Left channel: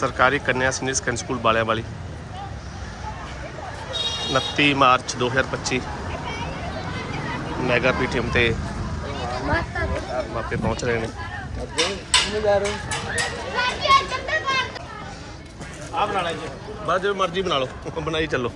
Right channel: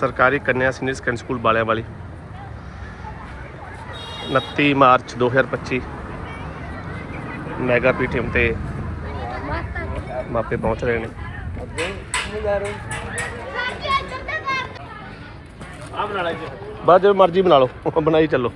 ਸਰਕਾਰੀ ਕੰਨਿਆ senior secondary school ਬਾਲਿਆਂ ਵਾਲੀ। 29 March 2025 mega PTM ਤੇ ਮਾਪੇ ਪਹੁੰਚ ਰਹੇ ਨੇ। ਆ ਬਣਾ ਲੈ ਬਸ ਜੋ ਮਰਜ਼ੀ ਬਣਾ ਲਓ ਬਣਾਈ ਚੱਲੋ।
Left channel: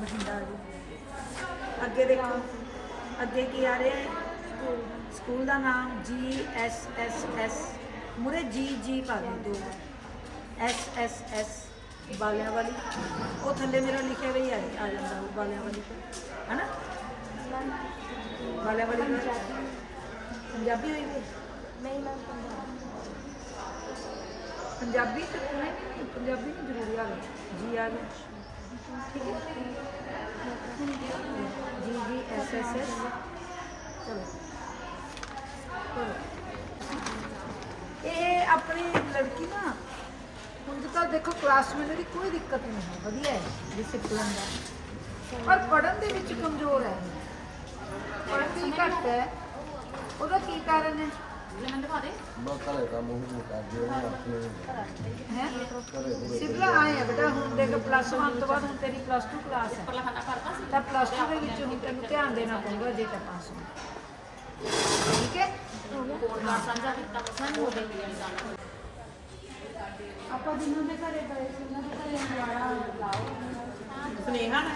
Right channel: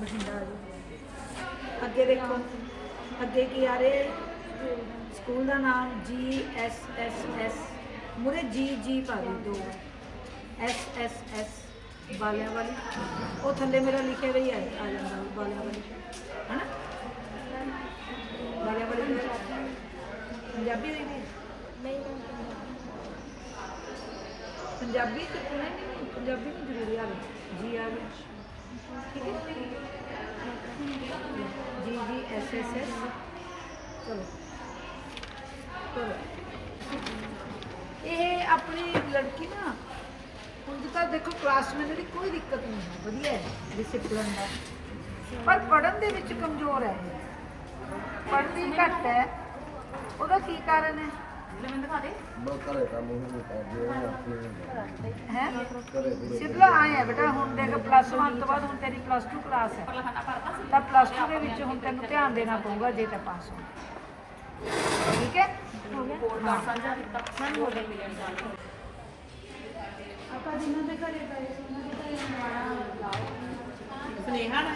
ਬਠਿੰਡਾ ਜੀ ਅੱਗੇ ਦੇਖੋ ਅੱਗੇ ਕੀ ਆ ਰਿਹਾ ਹੈ ਸਕੂਲ ਦਾ ਨਾਮ ਜੀ ਐਸ ਐਸ ਐਸ ਮੁਰੇ ਜੀ ਜੀ ਪਾ ਦੇ ਦੋ ਐਸ ਐਸ ਐਸ ਬਾਲਿਆਂ ਵਾਲੀ ਉਹ ਥੱਲੇ ਮੇਰਾ ਲਿਖਿਆ ਵੀ ਆ ਆ ਜਾਂਦਾ ਵੀ ਬਾਲਿਆਂ ਵਾਲੀ ਹਨਾ ਬਾਲਿਆਂ ਵਾਲੀ ਕਿਹੜਾ? ਪੰਜਾਬੀ ਹੋਈ ਵੀ ਨਹੀਂ ਮੈਂ ਪੰਜਾਬੀ ਚ ਨਹੀਂ ਨਹੀਂ, ਪੰਜਾਬੀ ਨਹੀਂ ਜ਼ਰੂਰੀ ਆ ਗਿਆ ਜੀ ਆ ਗਿਆ ਠੀਕ ਹੈ? ਜੀ ਜੀ, ਐਸ ਐਸ ਐਸ। ਚਲੋ। ਕਰੋ ਇਹ ਆਪਣੀ ਲੜਕੀ ਨਾ, ਹੁਣ ਤਾਂ ਦੇਖੋ ਕਲਾਸ ਵਿੱਚ ਇਹਦੀ ਕੋਈ ਦਿੱਕਤ ਨਹੀਂ ਹੈ। ਵਧੀਆ ਹੈ ਡਿਸਪਲਿਨ ਦਾ। ਪਰ ਪੜਨ ਦੇ ਵਿੱਚ ਕਮਜ਼ੋਰ ਹੈ ਪੜ੍ਹਦੀ ਘੱਟ ਹੈ। ਉਹਦਾ ਕੀ ਕਾਰਨ ਹੈ? ਹੈ ਸਿੱਧਾ ਆਇਆ ਬੇਟਾ ਹੁਣ ਦੇਖ ਪਲੱਸ 1 ਤੋਂ ਬਾਅਦ ਹੁਣ ਤੇਰੀ ਪਲੱਸ 2 ਕਲਾਸ ਹੈ। ਤਾਂ ਪਲੱਸ 2 ਦੇ ਵਿੱਚ ਹੁਣ ਤੈਨੂੰ ਧਿਆਨ ਦੇਣਾ ਪਊਗਾ ਜੇ ਤਾਂ ਪਾਸ ਹੋ ਠੀਕ ਹੈ? ਹੋ ਗਿਆ। ਕੋਡ ਕਾਰਡ ਸਾਂਝਾ ਕੀਤਾ ਹੋ ਗਿਆ। ਆਪਾਂ ਜਿੰਨਾਂ ਦੇ ਘਰੇ ਗਏ ਸੀ ਉਹਨਾਂ ਦੇ ਘਰੇ ਨਿਆਣਾ ਲਾਓ। ਸੁਨੇਹਾ ਨਾ।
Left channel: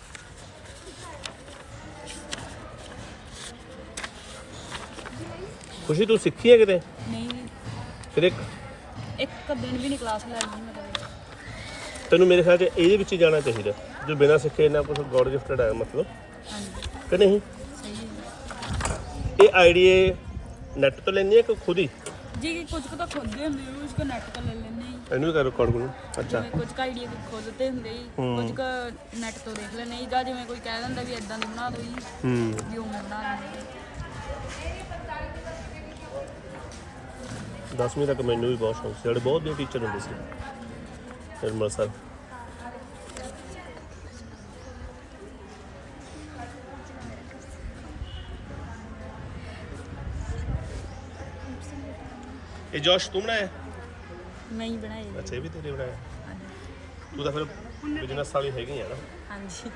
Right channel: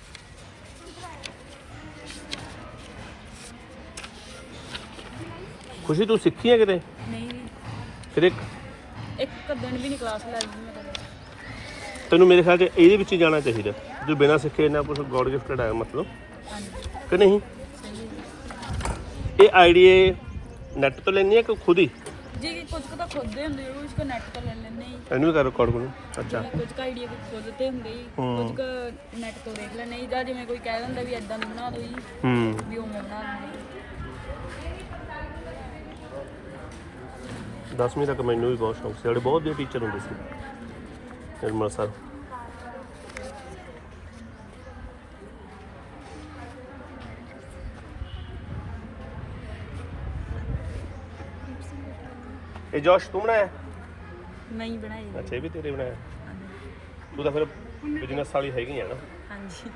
ਖੁਸ਼ੀ ਤੂੰ ਸਿੱਖੀ ਹੈ ਕਿਤੇ? ਨਹੀਂ। ਕਿਤੇ ਇੱਕ ਦਿਨ ਵੀ ਨਹੀਂ ਕਲਾਸ ਲੱਗੀ ਮੈਂ ਕਦੇ ਤੈਨੂੰ ਮੇਰੇ ਖਿਆਲ 'ਚ ਇਹਦੇ ਵਿੱਚ ਹੀ ਜਾਣਾ ਚਾਹੀਦਾ। ਜੋ ਬਿਨਾਂ ਸਿੱਖੇ ਨਾ ਕੁਝ ਗੋਡ ਗਿਫਟਡ ਆਇਆ ਮਤਲਬ। ਹਾਂਜੀ। ਕਿ ਨਹੀਂ? ਸਹੀ ਇਹ ਆਈਡੀਏ ਨੈਟ ਤੋਂ ਲੈਣੀ ਹੈ ਕਿ ਖੁਦ ਹੀ? ਜੀ ਕਿ ਕੁਝ ਕੁ ਤਾਂ ਖੁਦ ਦੇ ਹੁੰਦੇ ਉਸ ਕੋ ਨੈਟ ਤੋਂ ਲੈ ਲੈਣੇ ਹੀ ਇਹਨੂੰ ਕਰ ਰਿਕਾਰਡ ਕਰੋ। ਅੱਛਾ। ਜਿਵੇਂ ਕੁਝ ਕਾ ਆਈਡੀਆ ਖੁਦ ਤੇ ਹੁੰਦੇ ਹੀ ਹੂੰ। ਕੁਝ ਕੁ ਨੈਟ ਤੋਂ ਦੇਖ ਲੈਣੇ ਹੀ ਜਾਂ ਜਿਵੇਂ ਕੋਈ ਕਹਿ ਦਿੰਦਾ ਵੀ ਇਦਾਂ ਦੀ ਬਣਾ ਦਿਓ ਜੀ ਹੂੰ। ਵੀ ਉਵੇਂ ਬਣਾ ਦਿੰਦੇ ਦਸਵੀਂ ਤੱਕ ਮੈਨੂੰ ਵੀ ਬਹੁਤ ਸ਼ੌਂਕ ਸੀ। ਸਾਡੇ ਬਹੁਤ ਵਧੀਆ ਟੀਚਰ ਹੁੰਦੇ ਸੀ। ਨਿਰਮਲ ਸਰ ਇਹ ਜੋਸ਼ ਤੂੰ ਬਣਾਇਆ? ਨਹੀਂ ਬਣਾਏ ਜੀ। ਅੱਛਾ ਇਹ ਵੀ ਤੇਰੇ ਬਣਾਇਆ? ਹਾਂਜੀ। ਤੂੰ ਤਾਂ ਫਿਰ ਬਿਜ਼ਨਸ ਵਾਲੀ ਹੈਗੀ ਆ ਨਾ। ਹਾਂਜੀ।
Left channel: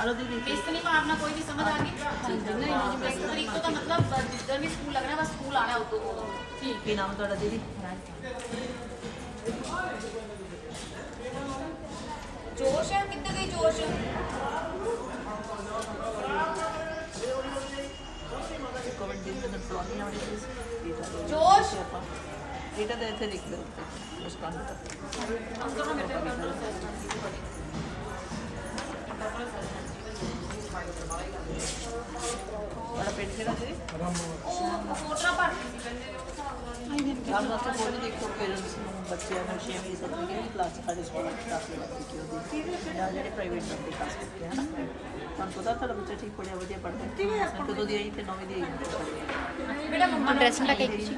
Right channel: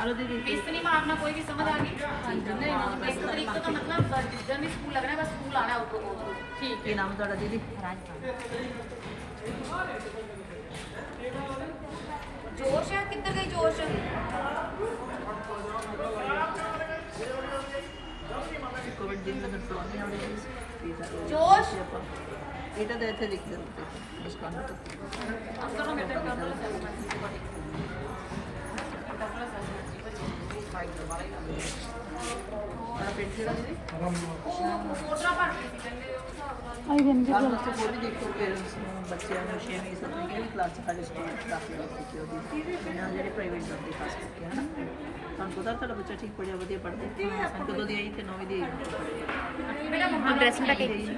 बेसनी में आपना कोई भी समझ आ गई। नहीं बेसनी तो मतलब जिधर भी स्कूल लग रहा है बस स्कूल आना होता है ठीक है। नाम थोड़ा दीदी जोश है? कितना कहीं जोश है? जोश? এটা দেখে লিখতে হবে আজকে আমি তো আজকে আমি এটা করব ਆਈ ਦਿਨ ਦੀ ਕਲਾਸ ਤੋਂ ਕੋਈ ਦੇਖੋ ਪੇਰੈਂਟਸ ਨੂੰ ਬੱਚਿਆਂ ਨੂੰ ਸ਼ੇਅਰ ਨਹੀਂ ਸਕਦੇ ਕਿ ਕਲਾਸ ਸਾਡੇ ਸਕੂਲ ਵਿੱਚ। ਕਾਫੀ ਰੱਖੀ ਕਿ ਉਹਦੀ ਜਾਂ ਜਿਹੜੇ ਪ੍ਰਾਈਵੇਟ ਨੰਬਰ ਪਾਸ ਕੀਤੇ ਹਨ ਤੁਹਾਨੂੰ ਪਤਾ ਤੁਹਾਡਾ ਬੱਚਾ ਠੀਕ ਪੜਿਆ ਵਧੀਆ ਪੜ੍ਹਦਾ ਕਿਵੇਂ ਆਪਾਂ ਕਦੋਂ ਦੀ ਆਈ ਤੇ ਨੌਵੇਂ ਦੀ ਆਈ ਮੇਰਾ ਮੰਮਾ ਡਰੈਸ ਲਾ ਕੇ ਗਈ ਸੀ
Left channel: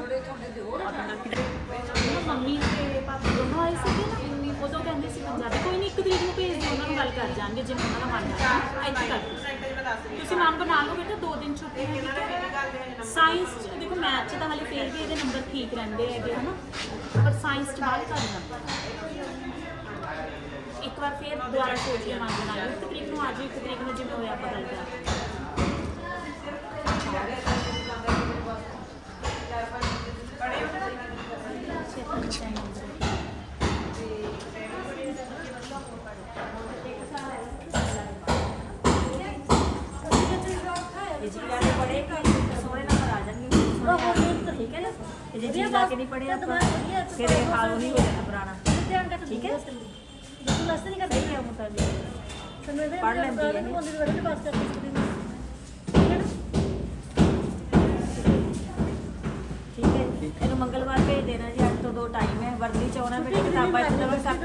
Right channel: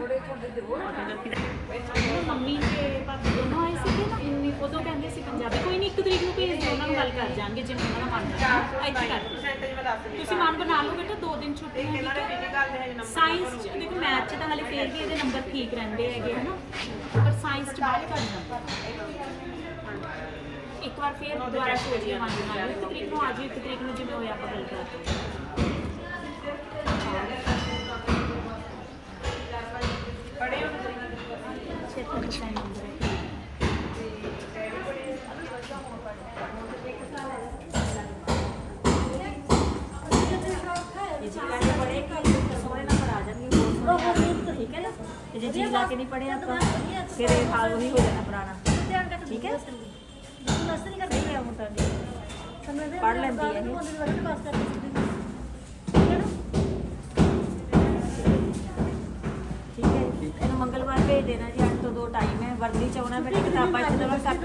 ਮੰਮੀ ਤੇ ਪਾਪਾ ਦੋਨੋਂ ਆਏ ਸੀਗੇ ਨਾ। ਉਦੋਂ ਕਹਿੰਦੇ ਸੀ ਪੰਜਾਬੀ। ਕੋਈ ਨਹੀਂ ਇੱਕ ਤਰੀਕ ਨੂੰ ਭੇਜ ਦਿਓ, ਉਹਨਾਂ ਨੂੰ ਗੱਲ ਕਰ ਜਾਣਗੇ, ਜਿਵੇਂ ਉਹਨਾਂ ਦਾ ਮਨ ਹੋਇਆ ਇੱਥੇ ਕਰ ਦਿਓ। ਤੁਸੀਂ ਮਨ ਬਣਾ ਲਓ ਬੇਟਾ, ਦੋ ਦਿਨ ਛੁੱਟੀ ਹੈ ਠੀਕ ਹੈ? ਸਾਇੰਸ ਚ, ਦੇਖੋ ਮੈਥ ਚ ਤਾਂ ਹਲੇ ਫੇਰ ਵੀ ਇਹਦੇ ਨੰਬਰ ਠੀਕ ਰਹਿੰਦੇ ਹੈਗੇ, ਹਨਾ? ਪਰ ਸਾਇੰਸ ਚ ਬਾਹਲੇ ਘੱਟ ਨੰਬਰ ਇੱਕ ਵਾਰ ਫੇਰ ਦੁਬਾਰਾ ਸੋਚ ਕੇ ਮਨ ਬਣਾ ਲਓ। ਇੱਕ ਤਰੀਕ ਨੂੰ ਆ ਜਿਓ, ਇੱਕ ਤਰੀਕ ਨੂੰ ਜਿਵੇਂ ਹੋਇਆ ਆਪਾਂ ਗੱਲ ਕਰਾਂਗੇ ਲਾ ਕੇ ਨਹੀਂ ਪੜੇ ਆਪਾਂ। ਫਿਰ ਇਹ ਹਾਲ ਨਹੀਂ ਹੋ ਜਾਣਾ ਪੁਰਾਣਾ। ਠੀਕ ਹੈ? ਸਹੀ ਹੈ ਮੁੰਡਾ ਪੜ ਲੈਂਦੀ ਹੈ ਇਹ। ਠੀਕ ਹੈ? ਇਹਨੂੰ ਮੰਗਲਵਾਰ ਭੇਜ ਦੇਣਾ ਜੀ 8 ਤੋਂ 2 ਟਾਈਮ ਹੈ। ਵਰਦੀ ਚ ਆਉਣਾ, ਬੇਟੇ, ਕਿਤਾਬਾਂ ਇੱਥੇ ਦਵਾ ਕੱਪ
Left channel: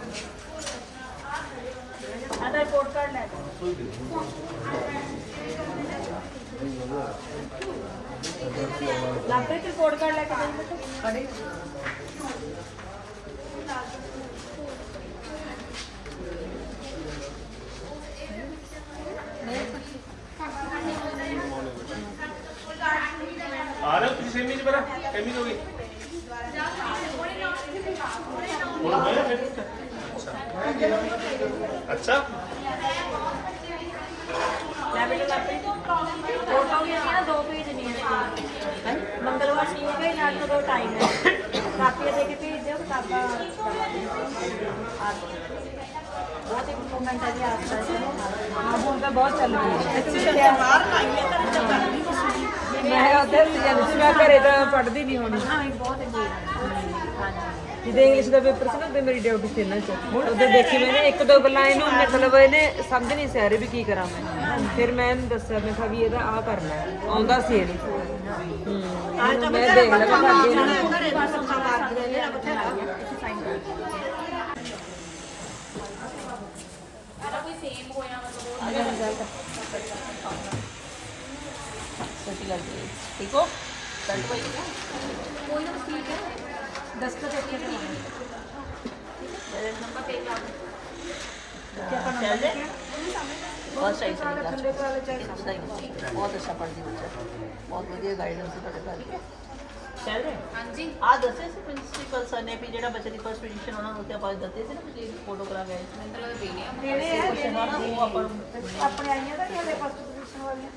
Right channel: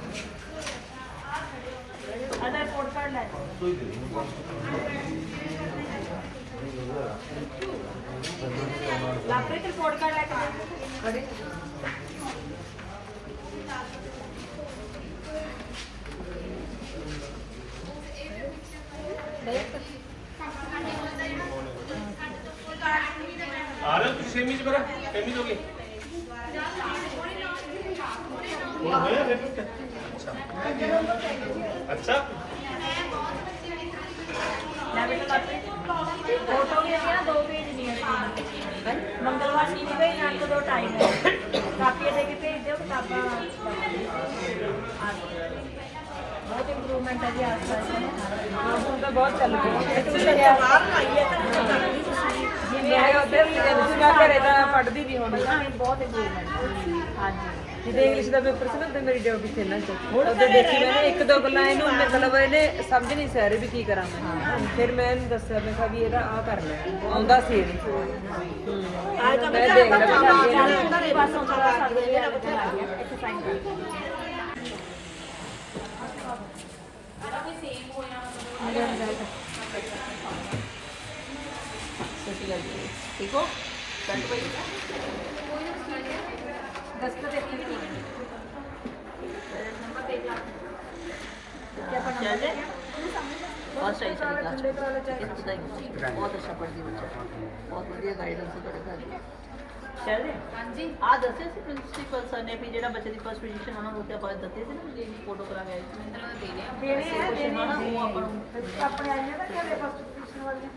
लागतोय तर कोड काढलाय का कडे आ रहे हो तुझी कमीज बरा कमीज होगी अच्छा अच्छा। ਮੰਗਲਵਾਰ ਸੀ ਨੂੰ ਭੇਜ ਨਾਲ ਤੋਂ ਟਾਈਮ ਹੈ ਕਾਪੀਆਂ ਦੇ ਕੇ ਭੇਜ ਦਿਓ ਕਾਪੀਆਂ ਬਹੁਤ ਇੰਪਰੂਵਮੈਂਟ ਹੈ ਜੀ ਆਸ ਪਾਸ ਹਾਂ ਹੁਣ ਤਾਂ ਬਹੁਤ ਚੱਲ ਰਹੀ ਹੈ ਟਿਊਸ਼ਨ ਹੈ ਮੈਂ ਉੱਧਰ ਮੈਂ ਘਰੇ ਤਾਂ ਪੜ੍ਹਦੀ ਨਹੀਂ ਹੁਣ ਹਾਂ ਇਹ ਬਹੁਤ ਇੰਪਰੂਵਮੈਂਟ ਹਾਂਜੀ ਜਿਹਦੇ ਇੰਗਲਿਸ਼ ਦਾ ਪੇਪਰ ਸੀ ਨਾ ਤੇ ਮੇਰੀ ਡਿਊਟੀ ਸੀ ਨਾ ਚ। ਉਦੋਂ ਦੇਖੀ ਮੈंने ਇੱਕ ਦੋ ਗੱਲਾਂ ਇਹਨੂੰ ਮਤਲਬ ਇਹਨੇ ਸਮਝ ਨਹੀਂ ਸੀ ਆ ਰਹੀ ਵੀ ਕੀ ਕਰਾਂ ਮੈਂ। ਫਿਰ ਮੈਂ ਇਹਨੂੰ ਦੱਸਿਆ ਮੈਂ ਕਿਹਾ ਵੀ ਇਹਦਾ ਆ ਕਰਨਾ ਹੈ। ਆਉਂਦਾ ਸੀ ਇਹ ਵੀ। ਆਏ ਤਾਂ ਮੈਂ ਦੇਖ ਲਿਆ। ਪਰਸੋਂ ਸਾਰਾ ਸਾਡੇ ਲਿਆ ਕੇ ਲਾ ਗਿਆ। ਇੱਥੇ ਸਾਈਨ ਕਰ ਦਿਓ। ਸੱਚੀ ਗੱਲ ਜੀ। ਠੀਕ ਹੋ? ਦਸਤਖਤ ਇੱਥੇ ਵੀ ਨਹੀਂ ਬਹੁਤ ਸਹੀ ਸਹੀ ਕਲਾਸ ਬਹੁਤ ਅੱਛਾ ਪੜ੍ਹਦੀ ਬੱਚਾ ਬਹੁਤ ਵਧੀਆ ਗਾਈਡੈਂਸ ਤੁਹਾਡੇ ਘਰ ਚੱਲ ਹਾਂਜੀ ਆ ਦੱਸਿਆ ਸੀ ਪ੍ਰਿੰਸੀਪਲ ਸਰ ਨੇ ਵੀ ਜਿਹੜਾ ਬੱਚੇ ਦੀ ਫਸਟ ਪੋਜੀਸ਼ਨ ਉਹਨਾਂ ਨੂੰ ਕਿ ਆਪਾਂ ਦਿੱਤੇ ਸੀ ਨਾ ਵੀ ਜਿਹੜੀ ਫੋਟੋ ਕਰਾਂਗੇ ਮਤਲਬ ਦੇ ਗਿਆ ਕੁਐਸਚਨ ਨਾ ਉਹ ਆਪਾਂ ਨੂੰ ਆਪਣੇ ਆਈਆਂ ਤਾਂ ਕਿਹੜੇ ਫਸਟ ਪੋਜੀਸ਼ਨ ਵਾਲੀ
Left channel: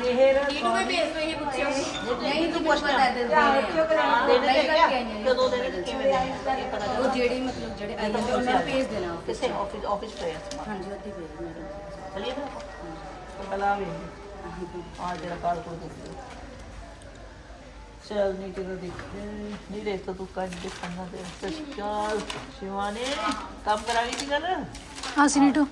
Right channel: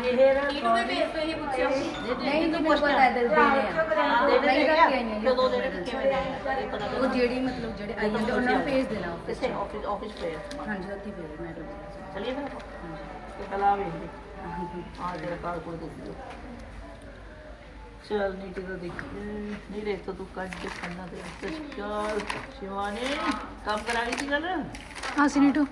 ਇਹਨੂੰ ਵੀ ਭੇਜ ਪੇ ਹੀ ਪੁੱਛਿਓ ਨਹੀਂ ਜੀ ਕੁਛ ਪਤਾ ਹੈ ਦੇਣੇ ਆ ਨਹੀਂ ਕਰਕੇ ਆਈਆਂ ਜਦੋਂ ਦੇ ਕਿਵੇਂ ਦੇ ਆਏ ਇਹ ਪਤਾ ਉਹ ਜਿਹੜੇ ਮਤਲਬ ਜਿਹੜੇ ਆਈ ਜਾਂਦੇ ਉਹਨਾਂ ਨੂੰ ਭੇਜ ਦੇਣਾ ਕਿਸੇ ਆਫਿਸ ਆਫਿਸ ਪਏ ਆ ਹਾਂਜੀ ਉੱਥੇ ਭੇਜ ਮੈਂ ਤਾਂ चलिए फिर तो कल आ गई थी आज तेरा कार को देख लो चल नीचे तो देख नहीं देखता तू कट दिखाना दे चल शिवानी काम करा रही थी कल ਹਾਂ ਸੀਨੀਟੋ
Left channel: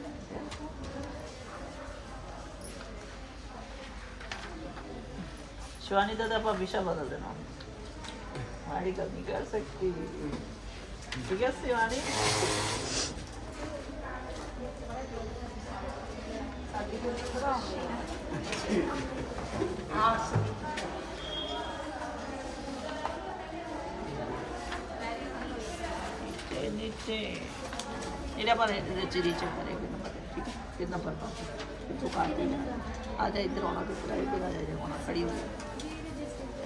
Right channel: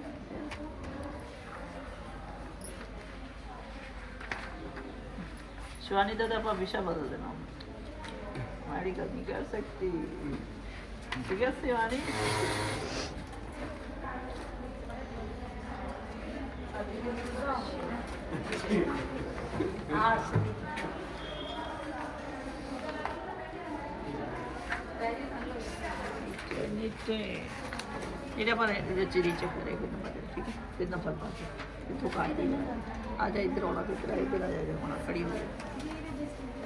शिवानी दादा भविष्य बदल देना हमारी गलती कर सकती? ठीक है, शिवानी? नीचे इधर पर नीचे नीचे पर एक नंबर ठीक है? कितना पर पाते ਪਾ ਕੇ ਇੱਥੋਂ ਕਾਟ ਦੇ ਆ ਜਾ ਇੱਧਰ ਆਉਣਾ ਤੇ ਫਿਰ ਇੱਧਰ ਆ ਜਾ ਹੋਣਾ ਖੜੀ ਹੋ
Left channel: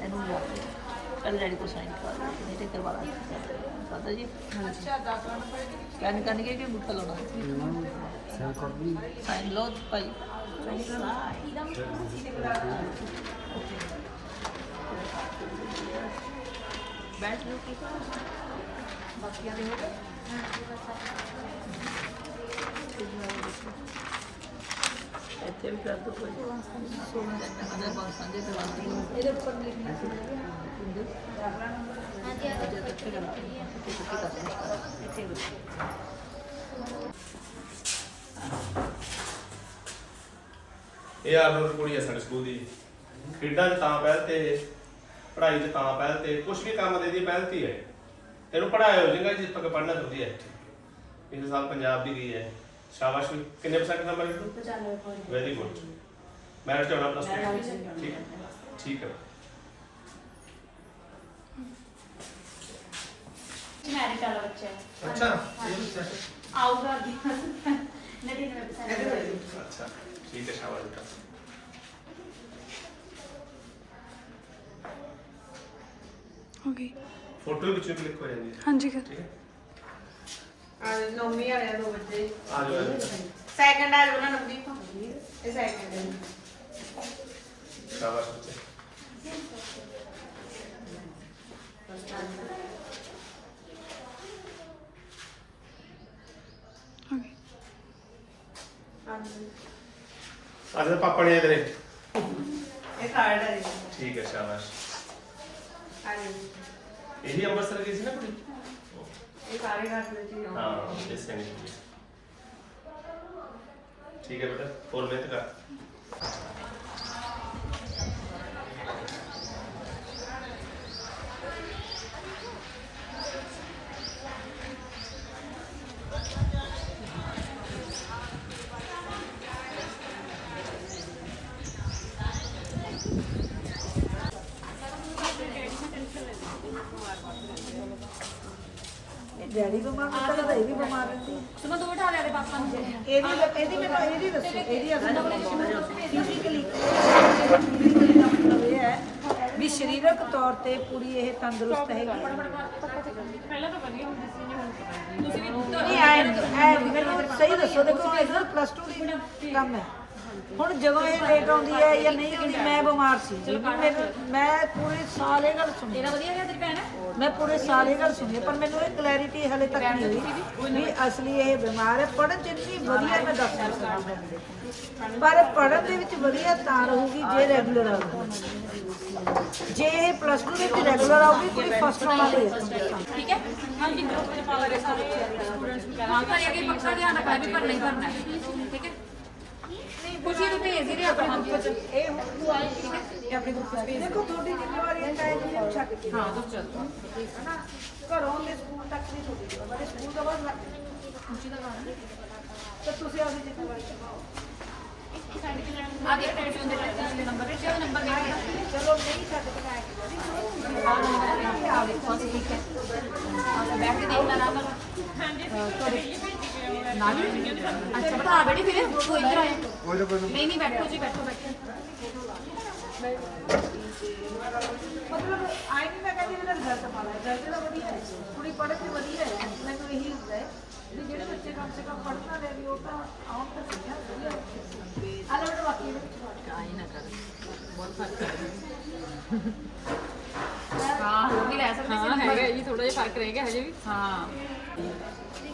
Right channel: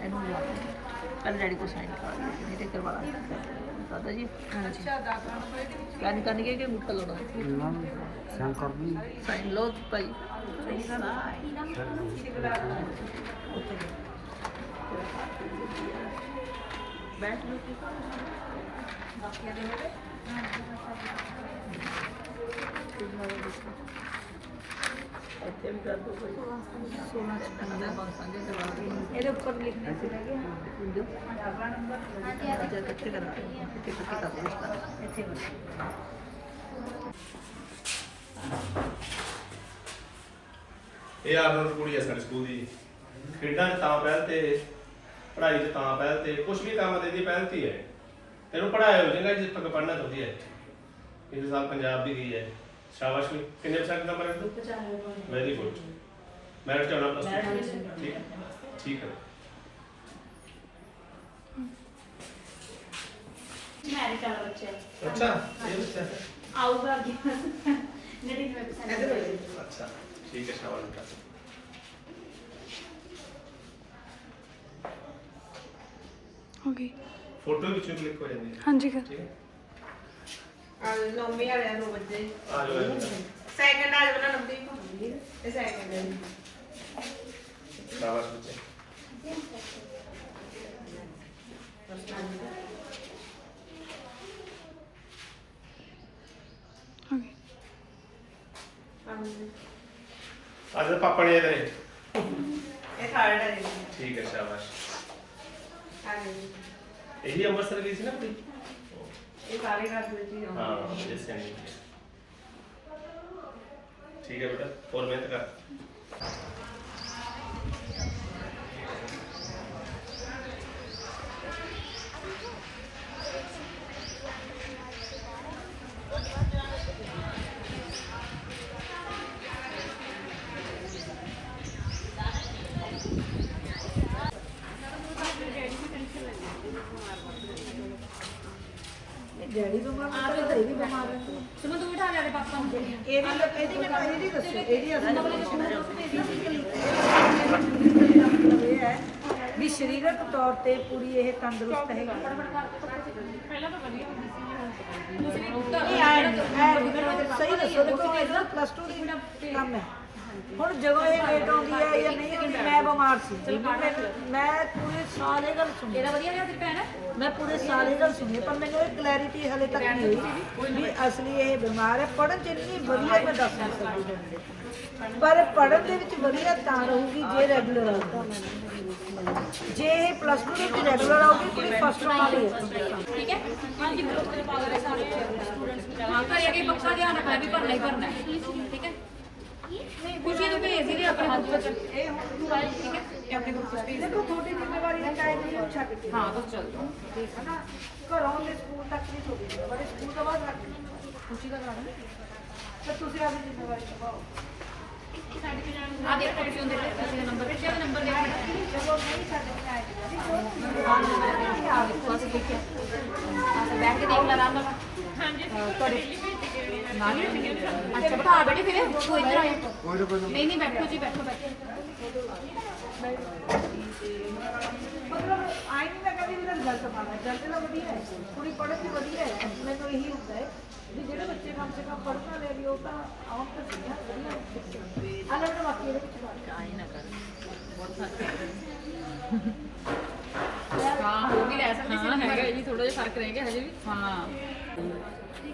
ਇਹਨੂੰ ਲਾ ਕੱਲ ਡੈਡੀ ਤੋਂ ਸਾਈਨ ਕਰਾ ਦਿਓ, ਨਹੀਂ ਤੇ ਕਰਵਾ ਲਾਂਗੇ ਦਾਦਾ ਜੀ ਹਾਂਜੀ ਸਕੈਨ ਕਰਨਗੇ ਕਿ ਮੁੱਕ ਲਾਉਣਾ ਸਾਈਨ ਲੋ ਭਾਈ ਬੈਠ ਲੋ ਕੀ ਬਾਕੀ ਨੇ ਇੱਥੇ ਵੀ ਕਰ ਦੋ ਕੋਈ 16 16 ਪਾਉਂਦੇ ਇਹਦੇ ਉੱਪਰ ਹਾਂਜੀ ਆ ਕਰਾ ਇੱਥੇ ਕਰ ਦੋ ਇੱਥੇ ਇਹ ਆਰਡਰ ਕੁੜੀ ਆ ਸਾਡੇ ਸਕੂਲ ਦੀ। ਖੇਡਾਂ 'ਚ ਤਾਂ ਪਹਿਲ ਤੇ ਪੜ੍ਹਾਈ 'ਚ ਤਾਂ ਪਹਿਲ ਤੇ ਕੁਝ ਵੀ ਕੰਮ ਦੇ ਦੀ ਪਹਿਲ ਤੇ ਹੀ ਤੈਨੂੰ ਪੜ੍ਹਾਇਆ ਹੋ ਜਾਏਗਾ ਜਿੱਥੇ ਤੱਕ ਪੜ੍ਹਨਾ ਚਾਹੁੰਦੀ ਹੈ। ਇਸ ਸਾਲ ਪੰਜਾਬ ਵੀ ਗਈ ਹੈ। शाबाश में कितने परसेंट का नंबर है? वेरी गुड मैरिट का नंबर ठीक है? ठीक है। अच्छा अच्छा ठीक है शाबाश बेटा हो फ़ोटो भी क्लिक हो जाएँगे हाँ जी हाँ। ठीक है? ਹੈ ਨੌਵੀਂ ਵਾਲਿਆਂ ਨੂੰ ਬੱਚੇ ਆ ਜਾਓ ਸੈਕੰਡ ਆ ਜਾਣਾ ਨਵਦੀਪ ਇਹ ਸੈਕੰਡ ਹੈ ਸ਼ਾਬਾਸ਼ ਬੱਚੇ। ਜਾ ਪਾਪਾ ਨੇ ਇਧਰੇ। ਇਹ ਕਾਰਡ ਹੈ ਠੀਕ ਹੈ ਸ਼ਾਬਾਸ਼। ਹਾਂਜੀ। ਇਹੀ ਅੰਮ੍ਰਿਤਸਰ ਗਈ ਸੀ ਨਾ ਕੁੜੀ? ਇਹ ਸਾਰੇ ਘਰ ਦੇ ਵਿੱਚ ਹੀ ਹੋਣਾ ਹਾਂ ਇਸ ਸੈਂਡ ਠੀਕ ਹੈ ਬੇਟਾ ਹੋਰ ਮਿਹਨਤ ਕਰ। ਡੈਡੀ ਬਿਮਾਰ ਹੈ ਤਾਂ ਇਹ ਵੀ ਬਿਮਾਰ ਹੈ ਸੁਮਨ ਤੂੰ ਬਿਠਾ ਲਿਆ ਦੇ ਪਾਪਾ ਨੂੰ। ਇਹਦੀ ਇਹਦੀ ਇਹਦੀ ਦੱਸੋ। ਇਹਦੀ ਅਸਲ ਇਹ ਹੈ ਵੀ ਸਰੀਰਕ ਤੌਰ ਤੇ ਪੂਰੀ ਇਹ ਤੰਦਰੁਸਤ ਹੈਗੀ। ਪਹਿਲਾਂ ਤਾਂ ਵਧੀਆ ਹੁੰਦੀ ਸੀ ਜੀ ਹੁਣ ਤੁਸੀਂ ਵੀ ਨਹੀਂ ਆਏ ਨਹੀਂ ਆਏ ਸਹੀ ਦੱਸੋ ਦੇਖੋ ਇਹਦਾ ਪਲੱਸ 2 ਦੀ ਕੰਮ ਹੈ। ਹੁਣ ਜਦੋਂ ਇਹ ਲੇਟ ਆਉਂਦੀ ਹੈ ਜਾਂ ਨਹੀਂ ਕਿਉਂਕਿ ਮੈਂ ਬਿਮਾਰ ਸੀ। ਮੈਂ- ਪੂਰੇ ਸਾਲ ਇਹ ਗੱਲ ਸੁਣੀ। ਤੇਰਾ ਵਧੀਆ ਰਿਹਾ ਤੇਰੀ ਭੈਣ? ਮੈਂ ਪੂਰੇ ਸਾਲ ਇਹ ਗੱਲ ਸੁਣੀ ਹੈ, ਪਰ ਮੈਨੂੰ ਇਹ ਕਲੈਰਿਟੀ ਹਲੇ ਤੱਕ ਨਹੀਂ ਹੋਈ ਵੀ ਅਸਲੀ ਇਹ ਬਿਮਾਰ ਹੈ ਪੜਨ ਚ ਇੰਨੀ ਵਧੀਆ ਮੈਂ ਦੱਸ ਨਹੀਂ ਸਕਦੀ ਪਰ ਪੜਨ ਦੇ ਵਿੱਚ ਵਧੀਆ ਤਾਂ ਰਹੂਗੀ ਜੇ ਰੈਗੂਲਰ ਆਊਗੀ ਜੇ ਇਹ ਪਲੱਸ 2 ਦੇ ਵਿੱਚ ਰੈਗੂਲਰ ਆਊਗੀ ਤੇ ਫਸਟ ਆਊਗੀ ਠੀਕ ਹੈ ਹਾਂ ਜੀ ਮੇਰੇ ਪਾਵਰ ਹੈ ਸਾਰੇ ਸਟੂਡੈਂਟਸ ਹਾਂ ਘਰੇ ਅੱਗੇ ਪੱਕਾ ਧਿਆਨ ਰੱਖਣਾ ਵੀ ਭਰਨਾ ਹੀ ਭਰਨਾ ਹੈ ਠੀਕ ਹੈ ਖੁਸ਼ੀ ਨੂੰ ਭੇਜ ਹੀ ਦੇ ਆਪਣੇ ਹੱਥ ਵਿੱਚ ਇਹ ਹੁਣ ਤੂੰ ਆਈ ਠੀਕ ਹੈ ਇਹ ਆਪਣੇ ਗਰੁੱਪ ਵਿੱਚ ਭੇਜ ਦੇ ਦੇਖੋ ਤੁਹਾਡੀ ਜ਼ਿੰਮੇਵਾਰੀ ਹੈ ਟਾਈਮ ਨੂੰ ਛੱਡ ਕੇ ਹਾਂ ਤੂੰ ਚੱਲ ਠੀਕ ਹੈ ਨਾ ਘਰੋਂ ਤੇ ਸਕੂਲ ਤੱਕ ਨਹੀਂ ਤੁਹਾਡੀ ਜ਼ਿੰਮੇਵਾਰੀ ਸਕੂਲ ਤੋਂ ਬਾਅਦ ਛੱਡ ਕੇ ਖੁਸ਼ੀ ਦਾ ਗਾਣਾ ਤੇ ਤੁਸੀਂ ਆਪਣੀ ਜ਼ਿੰਮੇਵਾਰੀ ਨਿਭਾਓ ਆ ਦੇ ਆਪਣੇ ਚੋਂ ਦੇ ਨੰਬਰ ਵਿੱਚ ਉਹ ਨੰਬਰ ਦੇ ਬੇਟਾ ਚਲੋ ਨਹੀਂ ਛੱਡ ਕੇ ਆਏ ਆ ਨੰਬਰ ਹੈ ਆ ਦੇਖੋ ਬਸ ਠੀਕ ਹੈ ਆ ਤੇ ਬੈਠ ਕੇ ਦੇਖ ਲੈ ਆਰਾਮ ਨਾਲ ਹਾਂਜੀ ਤੁਹਾਡੇ ਨਾਲ ਹੀ ਅੱਛਾ ਬਤਾ ਬੇਟੇ ਫਿਰ ਤੂੰ ਇੱਧਰ ਆਇਆ ਨਹੀਂ ਨਹੀਂ ਬੈਠੋ ਜੀ ਬੈਠੋ ਬੈਠੋ ਮਤਲਬ ਆਈ ਨਹੀਂ ਮੈਂ ਕਹਿੰਦੀ ਮੇਰਾ ਰਿਜ਼ਲਟ ਹੈ ਰਿਜ਼ਲਟ ਤਾਂ ਵਧੀਆ ਹੈ ਕੁੜੀ ਪੜ੍ਹਨ ਦੀ ਵਧੀਆ ਹੈ ਮੈਨੂੰ ਇਹੀ ਹੁੰਦਾ ਹੈ ਵੀ ਜਿਹੜੇ ਬੱਚੇ ਕਮ ਸੇ ਕਮ ਪੜ੍ਹਨ ਵਾਲੇ ਵੀ ਉਹ ਤਾਂ ਆਉਣ ਤਾਂ ਆ ਵਧੀਆ ਆ ਲੋ ਬਾਕੀ ਇਹਦੇ ਵਿੱਚ ਪੜ੍ਹ ਆਈ ਨਾ ਕਰ ਬਹੁਤ ਫ਼ਰਕ ਹਾਂ ਹੋ ਵੀ ਲੈ ਸਕਦੇ ਸੀ ਹੈਗਾ ਜੀ ਥੋੜਾ ਜਿਹਾ ਫ਼ਰਕ ਰਹਿ ਗਿਆ ਹਜੇ ਵੀ ਹਾਂ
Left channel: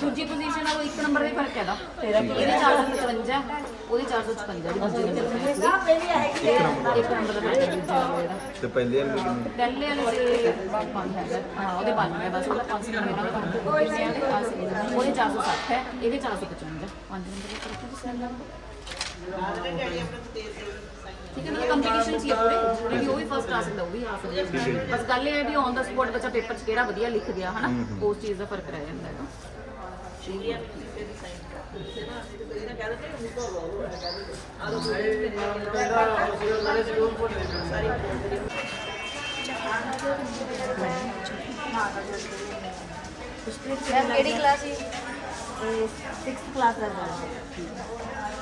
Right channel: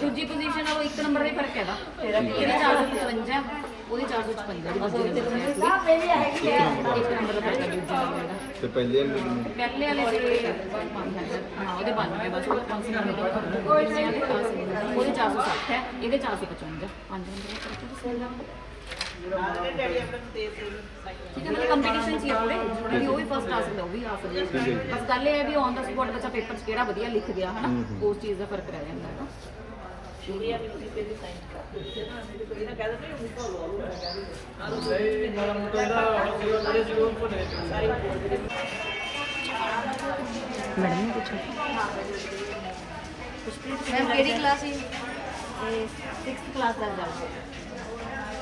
ਦੂਜੀ ਪੋਜੀਸ਼ਨ ਆ ਉਹ ਇੱਕ ਨੰਬਰ ਦਾ ਹੀ ਫ਼ਰਕ ਹੈਗਾ। ਇਹਦੀ 455 ਉਹਦੀ 456 ਦੀ ਦੂਜੀ ਨੰਬਰ ਇੱਕ ਨੰਬਰ ਦਾ ਫ਼ਰਕ ਹੈ ਦੂਜੀ ਨੰਬਰ ਦਾ ਤੇ ਪਹਿਲੇ ਵਾਲੇ ਨੂੰ ਪਹਿਲੇ ਵਾਲੇ ਦੇ ਪੰਜ ਹੈਗਾ। ਹਾਂ ਉਹਦੇ 92 ਬਸ ਉਹਦਾ 500 ਨੰਬਰ ਦਾ ਫ਼ਰਕ ਹੈ ਉਹਦੇ 460 ਹੈ ਇਹਦੇ 455 ਪੰਜ ਨੰਬਰ ਦਾ ਫ਼ਰਕ ਹੈ। ਠੀਕ ਹੈ ਮਤਲਬ ਕੰਪੀਟੀਸ਼ਨ ਸੀ ਆਪਣੇ ਵੀ ਉਹ ਵੀ ਫਸਟ ਆ ਸਕਦਾ ਉਹ ਵੀ ਆ ਸਕਦਾ ਬਸ ਗੱਲ ਇਹ ਹੈ ਵੀ ਔਨ ਦਾ ਸਪੌਟ ਬੱਚਾ ਪੇਪਰ 'ਚ ਕਿਹੜਾ ਵਧੀਆ ਲਿਖ ਗਿਆ ਹਨਾ ਉਸ ਚੀਜ਼ ਦਾ ਫਰਕ ਰਹਿ ਜਾਂਦਾ ਹੈਗਾ ਸ਼ੁਰੀਆ ਵੀ ਕਿਸੇ ਦੀ ਸਾਈਨ ਕਰ ਦਿੱਤੇ ਨਾ ਨਹੀਂ ਤੇ ਕੋਈ ਨਾ ਕਹਿੰਦਾ ਤੇ ਉਹ ਕੋਲ ਆਉਂਦਾ ਆ ਲੋ ਸਹੀ ਮਾਰਾ ਮੋਟਾ ਇਹਦਾ ਆਉਂਦਾ ਜਿਹੜੇ ਸਕੂਲ ਕੋਲ ਦੇ ਕੁਛ ਕਿਹੜੀ ਕਲਾਸ ਹੈ 6th ਕਲਾਸ ਦਾ ਜਾਣਾ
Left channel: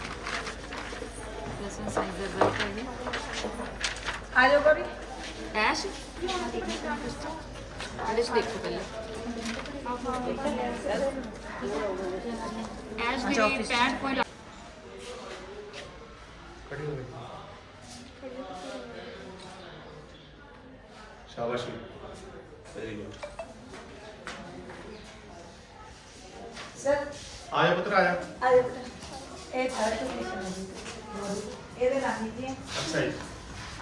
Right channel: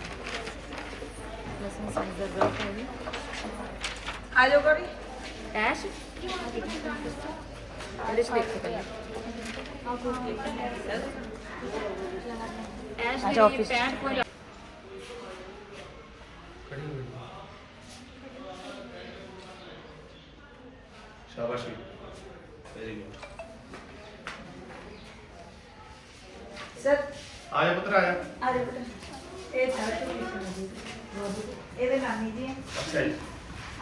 लहसुन समझ आ जाओ कभी ऐश लिस्ट देखते पहले ऐश दीदी पैंट कोई शाबाशी वेरी गुड सर आया पुत्र आया आया पुत्र ए था तू ਆਇਆ ਆ ਜਾਓ ਬੇਟਾ। ਇਹ ਥਰਡ ਪੋਜੀਸ਼ਨ ਇਹਦੇ ਨਾਨੀ ਜੀ ਅੱਛਾ ਜੀ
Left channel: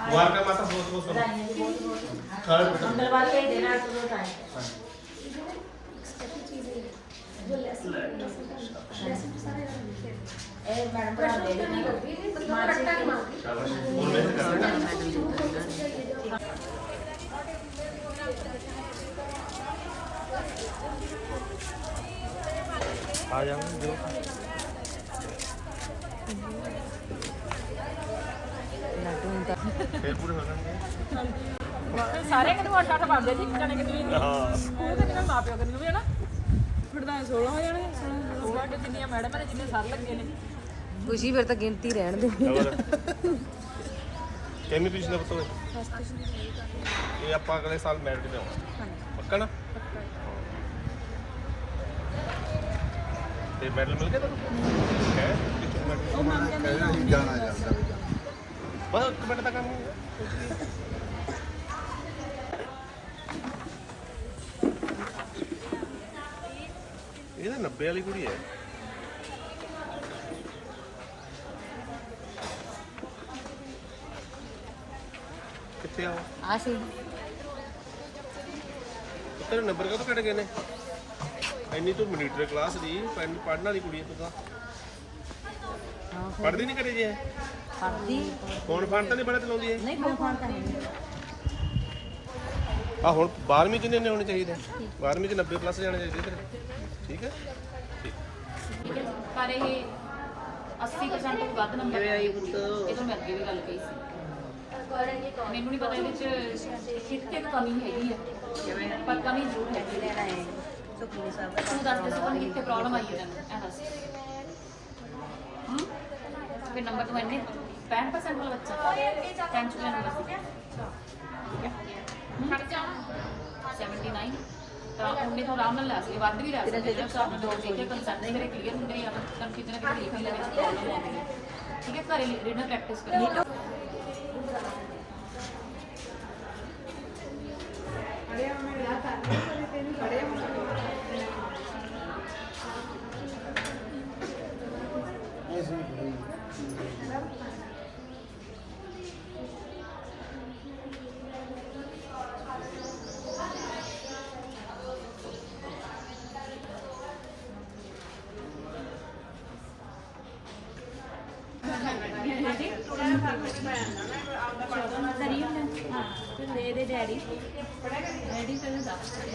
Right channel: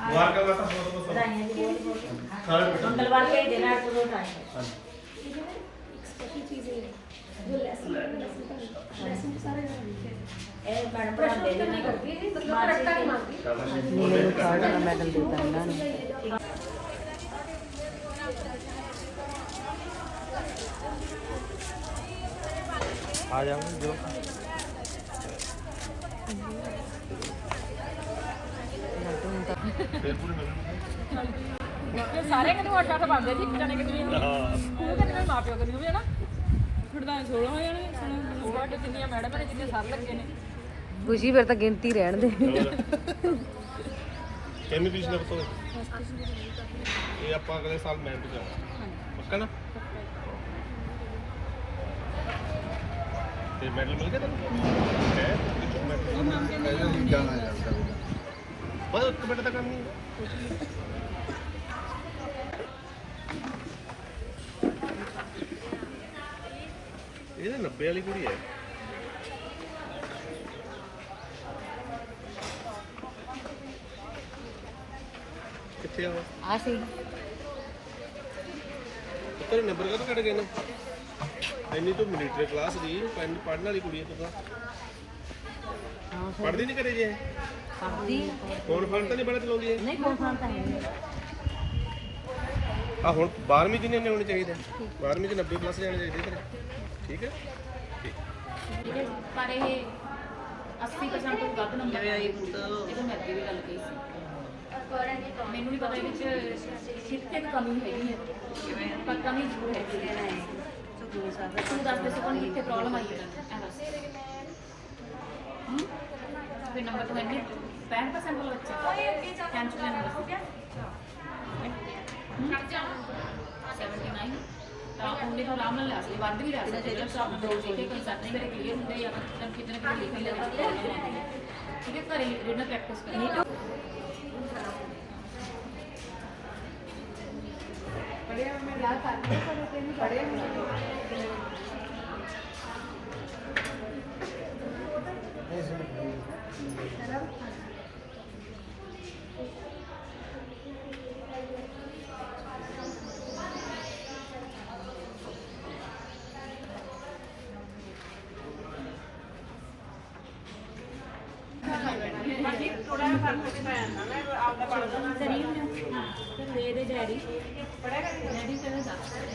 ਮੁਬਾਰਕਾਂ ਮਾਤਾ ਬਹੁਤ ਬਹੁਤ बधाइयाँ जी बहुत बहुत ਥਰਡ ਬੇਟਾ मंगलवार का ही देना है तो रोज आए ए मैडम पढ़ा दे देना मार्च ਸ਼ਾਬਾਸ਼ ਬਹੁਤ ਮਿਹਨਤ ਕਰਦੇ ਆ ਜਾਵਾਂਗੇ ਜੋ ਜਾਣਗੇ ਸਾਰੇ ਕਿਤੇ ਅੱਠ ਅੱਠ ਬਣਦੇ ਜੀ ਇੱਕ ਜਣੇ ਕਿਤੇ ਵੀ ਨਹੀਂ ਹਾਂ। ਸਕੂਲ ਕਿਤੇ ਨਾਲ ਮਾਪਿਓ ਕਿਤੇ ਵੀ ਹਨਾ। ਤਾਂ 16 ਹੋ ਜਾਣਗੇ 16 ਤੇ ਜਿੰਨੀਆਂ ਮੈਡਮ ਨੇ ਜਿੰਨੇ ਸਰ ਲੱਗੇ ਨੇ। ਖੁਸ਼ੀ ਫਿਰ ਤਾਂ ਗਿਣਤੀ ਰਹਿਣ ਦੇ। ਕਿੰਨੀ ਪੀਸ ਨੇ ਬਤੋਏ ਇਹ ਆਪਾਂ ਅਗਲੇ ਸਾਲ ਮੈਰਿਟ ਤੇ ਆਉਣਾ ਪੱਕਾ ਨਾ? ਤੇ ਮੈਡਲ ਮਿਲ ਗਿਆ ਤੈਨੂੰ? ਹੈ ਕਿੱਥੋਂ ਮੈਡਲ ਕਹਿੰਦਾ ਸੀ ਜਾਣਾ ਜਾਂਦਾ। ਬਸ ਇੱਕ ਮਿੰਟ ਦਾ ਕੰਮ ਹੀ ਹੈ। ਨਹੀਂ। ਇਹ ਤਾਂ 90 ਵਾਲੀ ਕੁੜੀ ਹੈ। ਕਿੱਥੇ ਆ ਉਹ? ਆ ਸੀ। ਤੇਰੇ ਨੰਬਰ ਕਦੋਂ ਕੱਢ ਗਏ ਨੇ? ਇੰਨੀ ਤੂੰ ਮਿਲੀਟਰੀ ਕਲਾਸ ਦੀ ਪੜਨ ਵਾਲੀ ਕੁੜੀ ਹੈ ਤੂੰ ਤਾਂ। ਪੜਦੀ ਨਹੀਂ ਕਰੇ ਜੇ ਪੜਦੀ ਫੋਨ ਫਾਨ ਤਾਂ ਨਹੀਂ ਬੜਾ ਚਲਾਉਂਦੀ ਹੈ ਨਹੀਂ ਫੋਨ ਫਾਨ ਤਾਂ ਨਹੀਂ। ਆ ਹੁਣ 12ਵੀਂ ਚ ਨੇ ਹੋਣੇ ਚਾਹੀਦੇ 12ਵੀਂ ਚ 90 ਪਲੱਸ ਜਾਣੇ ਚਾਹੀਦੇ ਤੇਰੇ। ਠੀਕ ਹੈ? ਠੀਕ। ਹੈ ਪਰ ਇਹ 80% ਤੋਂ ਵੱਧ ਨੰਬਰ ਆਏ ਇਹ ਤਾਂ ਮੈਂ ਅੱਗੇ ਵੀ ਗੱਲ ਕਹੀ ਸੀ। ਮੈਨੂੰ ਨਹੀਂ ਪਤਾ ਇਹਦੇ ਚ ਕਿੱਥੇ ਕੁ ਕਮੀ ਹੈਗੀ ਹੈ ਪਰ ਕਮੀ ਜ਼ਰੂਰ ਹੈਗੀ ਹੈ। ਸੁਖਵੀਰ ਸਾਹਿਬ ਤੂੰ ਦੱਸ ਦੇ ਸਕੂਲ ਕਿੱਥੇ ਪ੍ਰੋਬਲਮ ਆਈ ਹੈ? ਤੈਨੂੰ ਇਹ ਦੱਸ। ਹੂੰ? ਫਿਰ ਨੰਬਰ ਤੋਂ ਇੰਨੇ 65% ਵਾਲਾ ਬੱਚਾ 10 ਚ ਨੰਬਰ ਸੀ। ਹਟ ਜਾ 79 ਤਾਂ ਉਹਨੇ ਤਾਂ ਆਰਾਮ ਨਾਲ ਲਿਆ ਸੀ ਵੱਧ ਵੀ ਦੋ ਕਨਸੈਪਟ ਤੇਰੇ ਕਲੀਅਰ ਹੁੰਦੇ ਆ ਕਿਤੇ ਨਾ ਕਿਤੇ ਹੈ ਠੀਕ ਹੈ ਘਰੇ ਰੀਡਰ ਪ੍ਰੈਕਟਿਸ ਕਰਨੀ।